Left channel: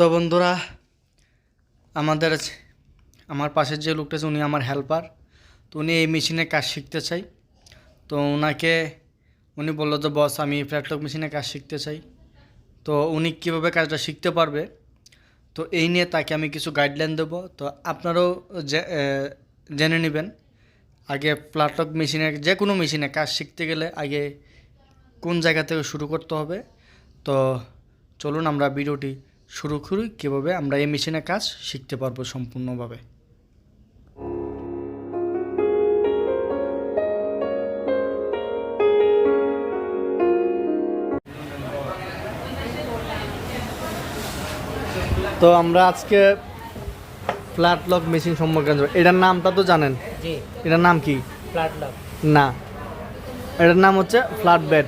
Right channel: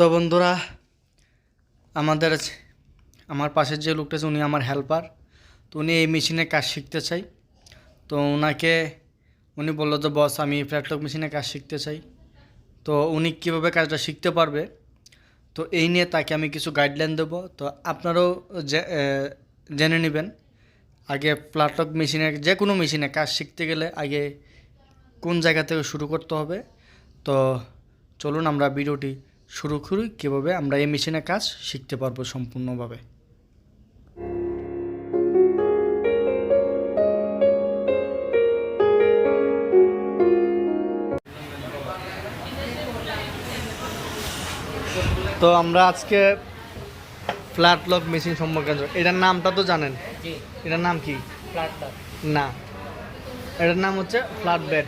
তো বন্ধুরা, আমাদের আমার পাশের যে লোকটা আছে উনি আমার হেল্পার। তো উনি এই মেশিনে কাজ শিখতে চাই। তো উনি বললো যে বস আমি ফ্ল্যাটলক মেশিনে কাজ শিখতে চাই। তো উনি কীভাবে কাজটা শিখতে পারবে, তো এই নিয়ে তাকে আমি কিছু গাইডলাইন দেবো। তো আপনারাও জেনে নেবেন আগে ফ্ল্যাটলক মেশিনে, যে কোনো মেশিনে কাজ শিখতে গেলে আগে কোন জায়গা থেকে শুরু করতে হবে। তো চলুন আমরা ভিডিওটি শুরু করি, কীভাবে আমরা এই মেশিনে কাজ শিখতে পারবো সম্পূর্ণভাবে। তো আমরা আজকে ফ্ল্যাটলক মেশিন সম্পর্কে জানবো। এটার নামটা তো জানেন? জি। এটার নাম কি? ফ্ল্যাটলক না, এটার নাম হচ্ছে ফ্ল্যাট বেড।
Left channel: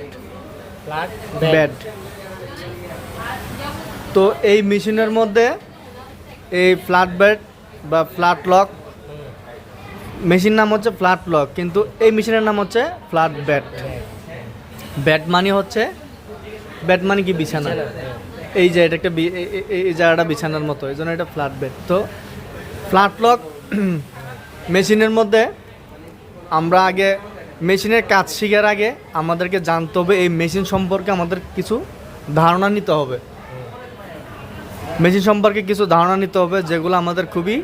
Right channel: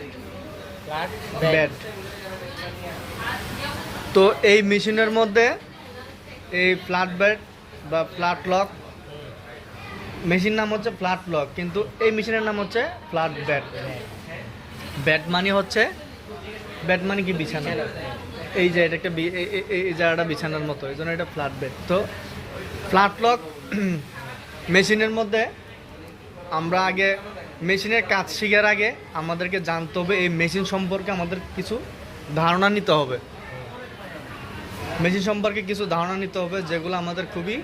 বেড। তো এই মেশিনের মধ্যে এই ফ্ল্যাট বেড বা ফ্ল্যাট লক, মেশিন নাম হচ্ছে ফ্ল্যাট লক, কিন্তু এই মেশিনের নাম হচ্ছে ফ্ল্যাট বেড। বেড মানে হচ্ছে, বেড মানে কি বিছানা। এই যে এটা একটা এই জায়গাটা বিছানার মতো, এই জন্য এটা ফ্ল্যাট বেড। তো ফ্ল্যাট লক মেশিনের মধ্যে আমরা আগে মেশিনের কাজ শেখার আগে আমাদেরকে জানতে হবে, এই মেশিন সম্পর্কে আমাদের কিছু ধারণা নিতে হবে। মেশিন সম্পর্কে কিছু ধারণা নিতে হবে যেগুলো আমাদের খুবই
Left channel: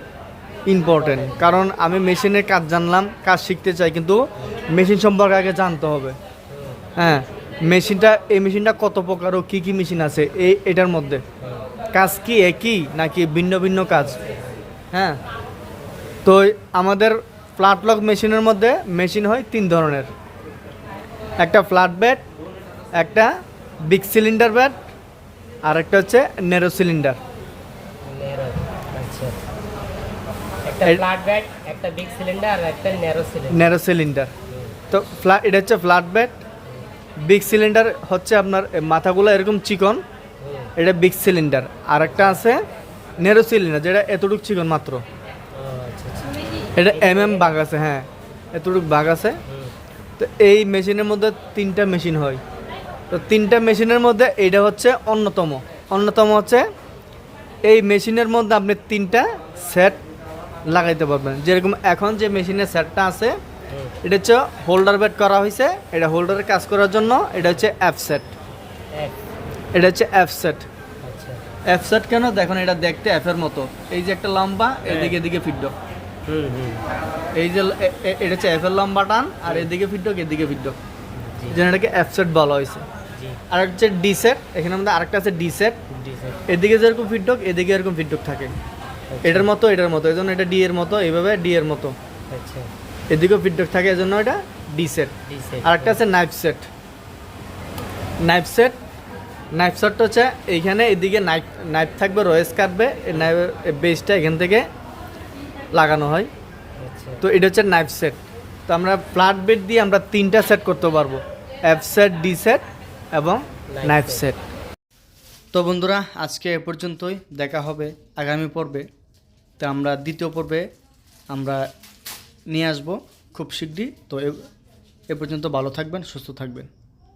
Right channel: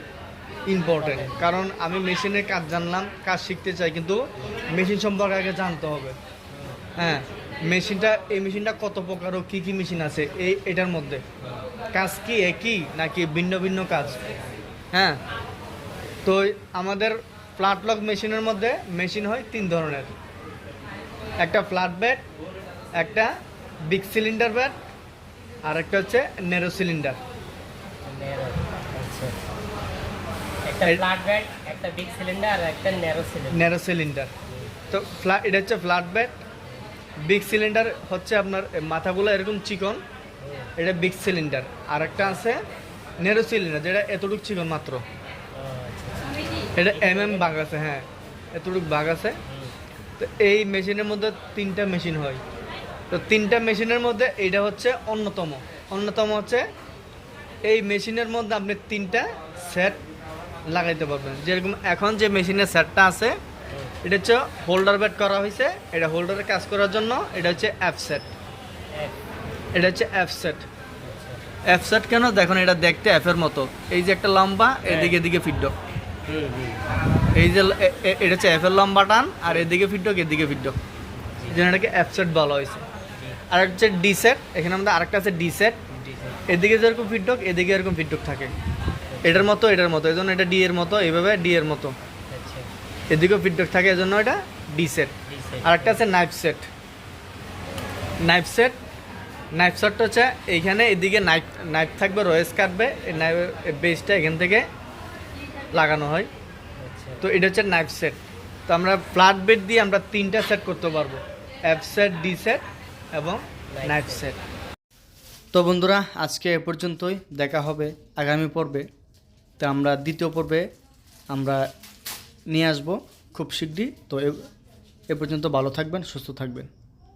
ইম্পর্টেন্ট। কারণ আমি মেশিনের কাজ জানলাম, কাজ শিখতে চাই, কিন্তু মেশিন সম্পর্কে আগে জানতে হবে। হ্যাঁ, এই মেশিনটা কত প্রকার ও কী কী মেশিন আছে এটার মধ্যে, কাজ কি একই নাকি ভিন্ন ভিন্ন কাজ। হ্যাঁ, তো আমাদের ফ্ল্যাটলক মেশিনের মধ্যে মেশিন হয় 3 ধরনের। একটা ফ্ল্যাট বেড, একটা বিগ সিলিন্ডার বেড, আর একটা হচ্ছে ন্যারো সিলিন্ডার। একটা ফ্ল্যাট বেড, একটা বিগ সিলিন্ডার আর একটা ন্যারো সিলিন্ডার। তো এটা হচ্ছে ফ্ল্যাট বেড। বিগ সিলিন্ডার হচ্ছে আপনার মাথাগুলো এরকম চিকন, এটা বিগ সিলিন্ডার। আর একটা আছে ন্যারো সিলিন্ডার, যেটা এতটুকু চিকন মাত্র, এটা ভাগ আছে। হ্যাঁ, এতটুকু ভাগ আছে। তো এই মেশিনের মধ্যে 3টা মেশিন হয়। তো 3টা মেশিনের মধ্যে এটা হচ্ছে অন্যতম হচ্ছে এই মেশিনের মধ্যে আপনি 3টা সেট লাগাইতে পারবেন। যেরকম এখন যে মেশিনের সেটটা আছে, এটা হচ্ছে হোল্ডার বেড করা হয়েছে। এটা হোল্ডারের কাজ করার জন্য এটা হচ্ছে এফ সেট। এটা হচ্ছে এফ সেট। এফ সেট কেন দেখুন, এটা দেখতে এফ এর মতো। এই যে একটা লম্বা, এদিকে ফিডক। এই যে এটা হচ্ছে এফ এর লম্বা টান, আর এদিকে ফিডক, এদিকে ফিডক, এই জন্য এটাকে এফ সেট বলা হয়েছে। আর হচ্ছে ডি সেট, এখানে আমাদের আরেকটা আছে ডি সেট। এদিকে যেরকম ফিডক, এদিকে এরকম ফিডক থাকে, এটার মতো এই জন্য এটা ডি এর মতো, এইভাবে ডি এর মতো, এদিকেও ফিডব্যাক থাকে, এজন্য এটা ডি সেট। আর একটা আছে নাইফ সেট। নাইফ সেটটা হচ্ছে এইখানে এদিকে নাইফ থাকবে, রয়েস কাটবে, বেসটা এখান থেকে লাগানো হয়। তো এটা হচ্ছে নাইফ সেট। তো আমরা ফ্ল্যাট বেড দিয়ে আমরা 3টা সেট করতে পারবো, এফ সেট, ডি সেট এবং নাইফ সেট। তো বন্ধুরা, আজকে এ পর্যন্তই। দেখা হবে আগামী পর্বে। তো আমরা দ্বিতীয় পর্বে আমরা নিয়ে আসবো খুব শীঘ্রই। তো এ পর্যন্ত ভালো থাকবেন, সুস্থ থাকবেন।